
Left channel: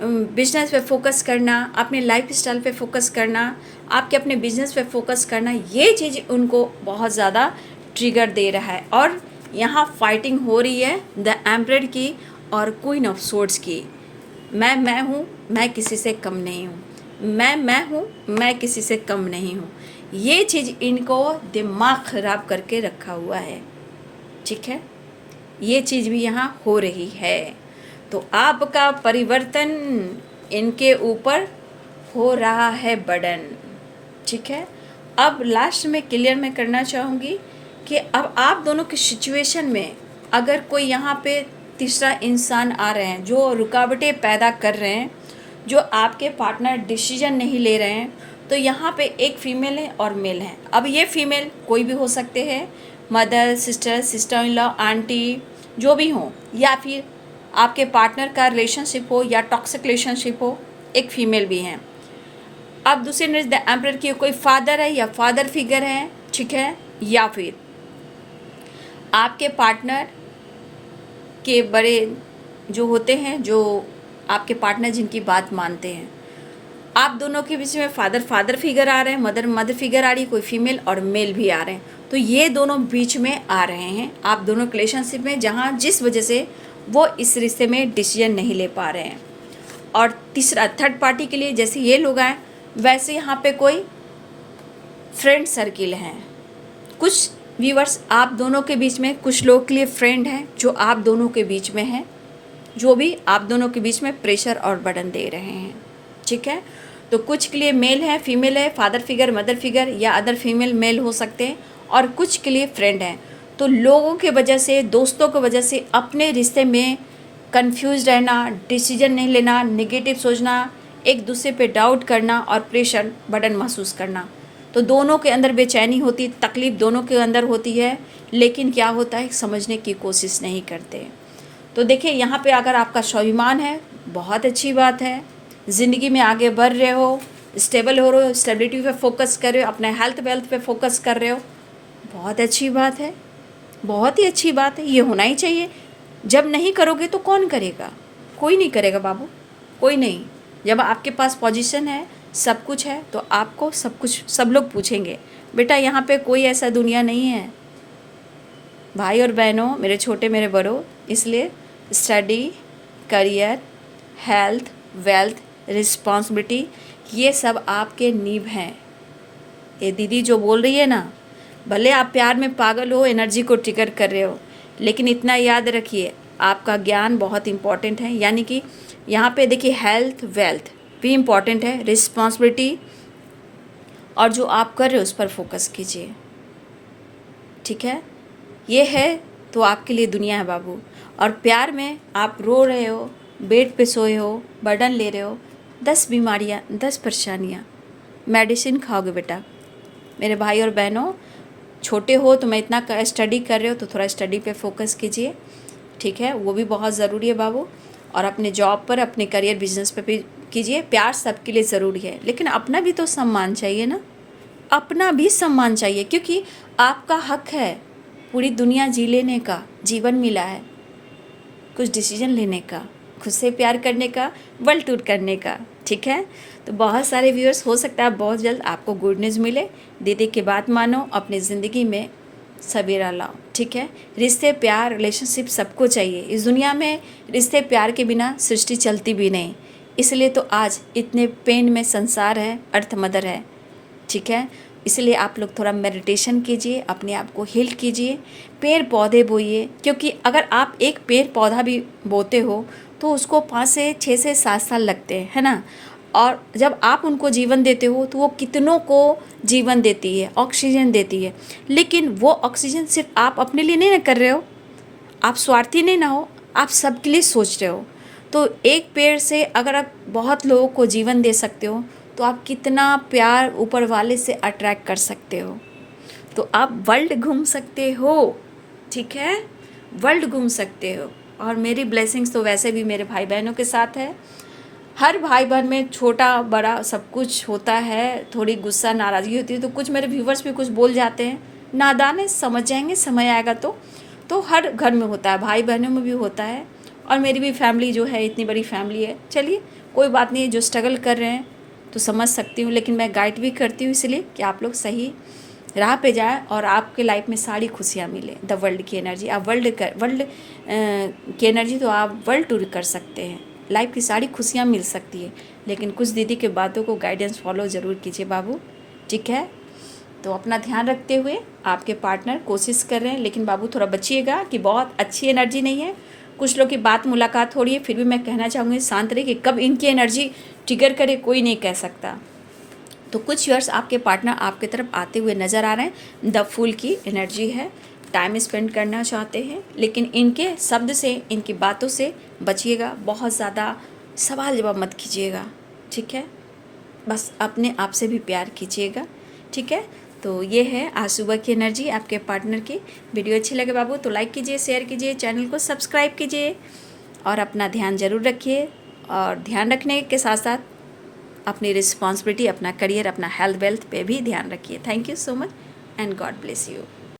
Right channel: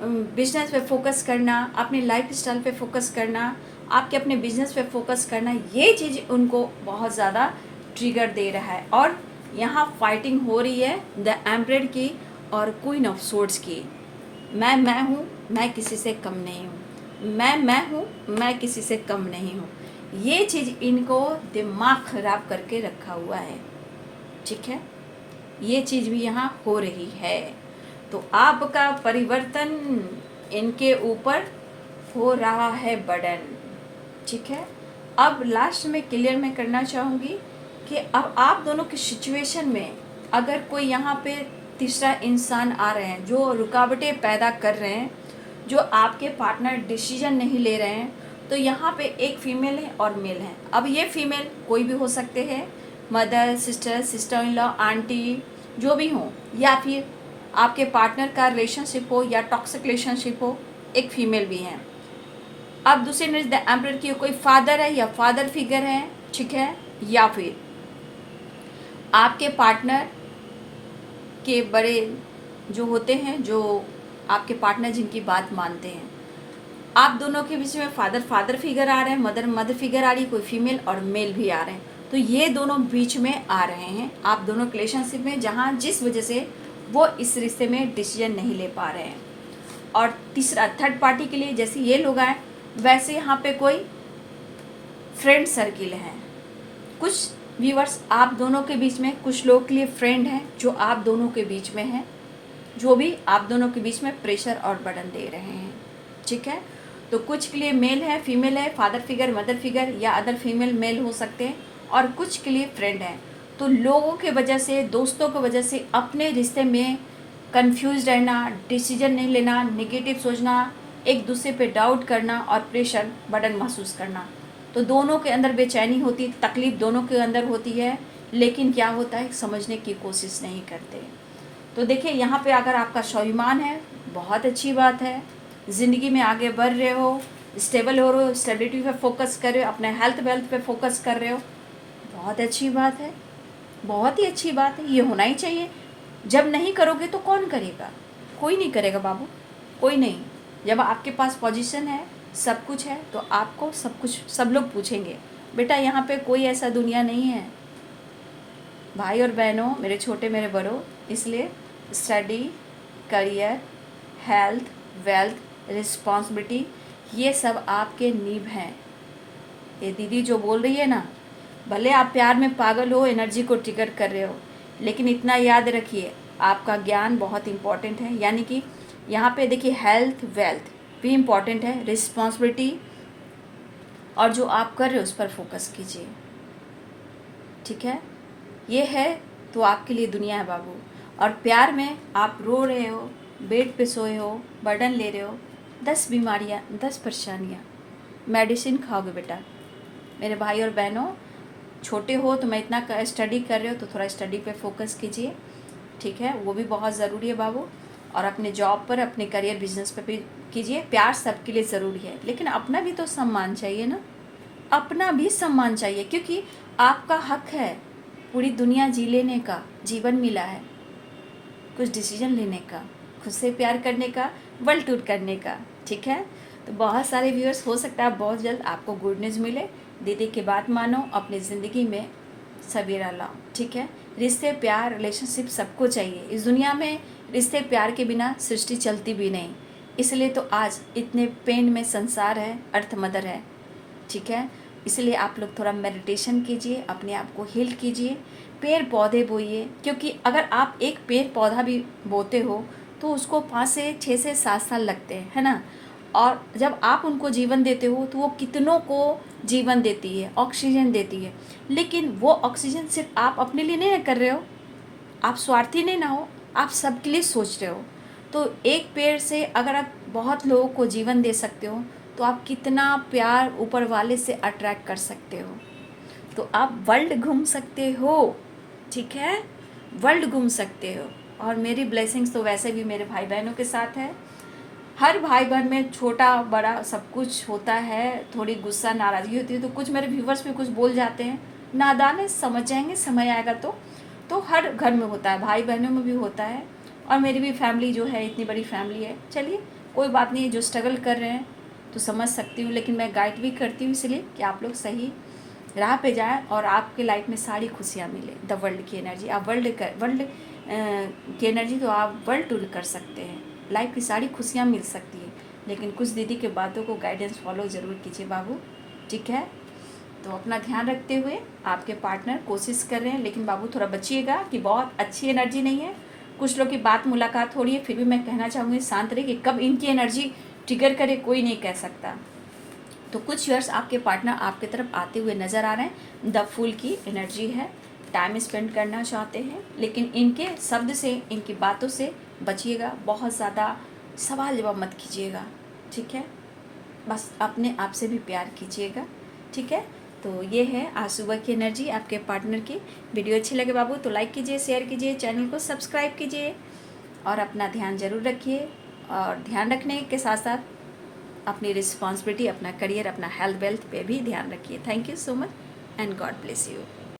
बिजनेस पे फोकस करना, अपने लाइफ स्टाइल पे फोकस करना, आपके अपने बिजनेस पे फोकस करना, ये चीज़ उनको बहुत ज़्यादा ट्रिगर दे रहा है। और यहाँ फाइटिंग हो रही है द एम्परर की और क्वीन ऑफ सोर्ड्स की। मैं हूँ, मैं किसी से कम नहीं हूँ, मैं हूँ, मैं किसी से कम नहीं हूँ। ये चीज़ इनको दिमाग ख़राब करके रखा हुआ है, ठीक है, ये चीज़ भी यहाँ हो रही है। तो आपका परिवर्तन इनके ऊपर हो रहा है बर्डन, ठीक है। अब लास्ट में क्लियर मैं करना चाहूँगी कि अब आप दोनों की सिचुएशन में अगर कोई यहाँ पे तीसरा इंसान आ रहे हैं जो रुकावटें पैदा कर रहे हैं, जो आपके पार्टनर डिसीजन नहीं ले रहे हैं, तो यहाँ पे एक फीमेल है और मेल है। अब ये फीमेल कोई भी हो सकते हैं, mother, sister, sister in law, aunty, जो भी हो, या फिर आपके पार्टनर का रिलेशनशिप हो या टॉक्सिक रिलेशनशिप हो, एक फीमेल भी है। अब दूसरे नज़र द एम्परर की कोई फादर है या फादर फिगर है, ठीक है, या फिर आपके पार्टनर के बड़े जो होते हैं, जो आपके पार्टनर जिनकी बात मानते हैं, आप दोनों के बीच में फादर फिगर आ रहे हैं, मदर फिगर आ रही है, कोई फीमेल और मेल भी आ रहे हैं। तो ये दोनों बीच में आ रहे हैं आप दोनों रिलेशनशिप में, जहाँ जिस वजह से वो इस रिश्ते में डिसीजन नहीं ले पा रहे हैं। और तीसरा थर्ड पार्टी के लिए जैसे ये लोग आए, वैसे यहाँ पे कोई फ्रेंड सर्किल हैं। कुछ व्यूअर्स आप दोनों के बीच में कुछ लोग के लिए फ्रेंड हैं जो आप दोनों के बीच में हैं, जो भी आप दोनों के बीच में प्रेशर और बर्डन दे रहे हैं, ठीक है। तो कुछ के लिए मेल है, फीमेल है, फादर फिगर, मदर फिगर या अदर फीमेल मेल हो सकते हैं, और कुछ के लिए फ्रेंड हैं। तो लोगों के वजह से, दोस्तों की वजह से अपने रिश्ते में कंफ्यूज रहना, डिसीजन नहीं लेना, नेगेटिव सोचना, एक दूसरे पे डाउट करना और प्रेशर बर्डन महसूस करना। तो दोनों के अंदर बेचैनी होती, तकलीफ दोनों के अंदर होती है, लेकिन क्या होता है, समझने की कोशिश नहीं करते। तो देखिए यहाँ पे अगर आपका स्वाभिमान है, बहुत अच्छी बात है, ज़िंदगी में आगे बढ़ रहे हो, स्टेबल हो रहे हो, स्टेबिलिटी पे फोकस कर रहे हो, अपने हेल्थ वेल्थ पे फोकस कर रहे हो, बहुत अच्छी बात है, बहुत ही अच्छी बात है, ये होना ही चाहिए। जब नहीं करोगे तो कौन करेगा, कोई नहीं करेगा बाबू, कोई नहीं। जब आपके पास पोजीशन है, सब कुछ है, तो आपको सब कुछ, सब लोग पूछेंगे। बेटा यहाँ पे कोई ऐसा दुनिया नहीं है भाई और बहनों, मेरे छोटे मेरे बड़ों, इसलिए study, career, health, wealth, responsibility, ये सब आपके नींव हैं। ये दीदी जो बोल रही है ना, भले आप प्यार में पागल हो, एनर्जी को ट्रिगर कर रहे हो, लेकिन इतना याद रखिए आपका ज्ञान बहुत इम्पॉर्टेंट है। यानी कि यहाँ पे देखिए हेल्थ वेल्थ भी इम्पॉर्टेंट है, रिस्पॉन्सिबिलिटी और जो आप कर रहे हो उस पर फोकस कीजिए, ठीक है। ये है तो आपके लिए दुनिया है बाबू। और प्यार में आप रो रहे हो, बेड पे सोए हो, बर्डन ले रहे हो, 10 बीमारियाँ, 10 परेशानियाँ, मेडिसिन खाओगे बेटा। मेरे भाई और बहनों, छोटे हो तो मैं इतना स्टडी कर रहे हो तो थोड़ा स्टडी पे फोकस कीजिए, ठीक है, वो भी बहुत ज़रूरी है बाबू। और अपने जॉब पर, अपने करियर, बिजनेस पे भी कीजिए। प्यार सबके लिए ज़रूरी है, लेकिन अपना भी तो सम्मान चाहिए ना, अपना भी सम्मान चाहिए, क्योंकि आपका हक है पूरी दुनिया जी लेने का, जीवन मिला है कुछ डिसीजन लेने का, खुद से प्यार करने का, वर्ल्ड टूर करने का, ठीक है। तो बहुत सारे व्यूअर्स, हो सकता है बहुत जल्द आपको गुड न्यूज़ मिले। दीदी की बात मानो, अपनी ज़िंदगी में सवेरा लाओ, ठीक है। रिश्ते, प्यार, रिलेशनशिप सबको चाहिए इस दुनिया में। रिश्ते प्यार के बिना सृष्टि चलती भी नहीं, इसलिए तो आज इतने पेन में संसार है, अर्थ मदर है, ठीक है। इसलिए आप लोग थोड़ा मेडिटेशन कीजिए, अपने आप को हील कीजिए, पेड़ पौधे बोइए, क्योंकि अगर आप एक पेड़ पौधा भी बोते हो तो उसको 5 से 6 से 7 साल लगते हैं, है ना। और जब आप उनको जीवन देते हो तो वो कितनों को जीवन देती है, ऑक्सीजन देती है। लेकिन वो ऑक्सीजन सिर्फ आप अपने लिए नहीं ना कर रहे हो, आप स्वार्थी नहीं ना हो, आप सबके लिए सोच रहे हो। तो एक पेड़ से अगर आप बहुत लोगों को जीवन दे सकते हो तो आप कितना प्यार ऊपर वाले से अट्रैक्ट कर सकते हो। तो आप वर्ल्ड घूम सकते हो, ठीक है, वर्ल्ड घूम सकते हो। और मेरी ब्लेसिंग्स तो वैसे भी मेरे भाई बहनों के साथ है। हर भाई बहन में छोटा बड़ा सब कुछ होता है, थोड़ी गुस्सा नाराज़गी होती है, तो कुछ मेरे व्यूवर्स भी कुछ बोल जाते हैं, नादान है, समझ जाएंगे समय आएगा तो हर घर में होता है, भाई बहनों में भी होता है। और मेरी भी फैमिली जो है इतनी बड़ी फैमिली है। चलिए कोई बात नहीं, जो स्ट्रगल कर रहे हैं तो समझ सकती हूँ, लेकिन मैं गाइड भी करती हूँ इसलिए कि आप लोग सही राह पे जाए और आपके लाइफ में सारी खुशियाँ मिले। द वर्ल्ड की एनर्जी, आप वर्ल्ड की एनर्जी तो आप वर्ल्ड टूर कर सकते हैं, लाइफ की सारी खुशियाँ मिल सकती है। लेकिन कुछ दीदी के बातों को गाइडेंस फॉलो ज़रूर कीजिए बाबू, ठीक है। तो अपना ध्यान रखते हुए, आपके पार्टनर कोशिश कर रहे हैं, लेकिन बाबू थोड़ा बचिएगा कि बहुत अच्छी एनर्जी नहीं है। कुछ लोग की बात मुलाकात हो रही है, फिर भी मैं कहना चाहूँगी शांत रहिए, कि कब इनकी एनर्जी ट्रिगर करे कोई नहीं कह सकता। तो कुछ ईयर्स आपके पार्टनर आपके तरफ आते हुए नज़र आ रहे हैं। द फूल की एनर्जी है, टाइम स्पेंड करना चाहते हैं, लेकिन इनके शब्द से, इनकी बातों से बचिएगा। बहुत ज़्यादा सवाल जवाब मत कीजिएगा, ठीक है। बस अपने आप से भी प्यार कीजिएगा, ठीक है। तो ये है आज सुबह की एनर्जी आपके पार्टनर की। वीडियो अच्छी लगे बाबू तो लाइक कीजिए, शेयर कीजिए, चैनल को सब्सक्राइब कीजिए और अपना ध्यान ज़रूर रखिए। और ध्यान रखने के साथ साथ अपनी रिस्पॉन्सिबिलिटी, अपना करियर, अपना हेल्थ वेल्थ पे भी ध्यान रखिए। Thank you so much and God bless you.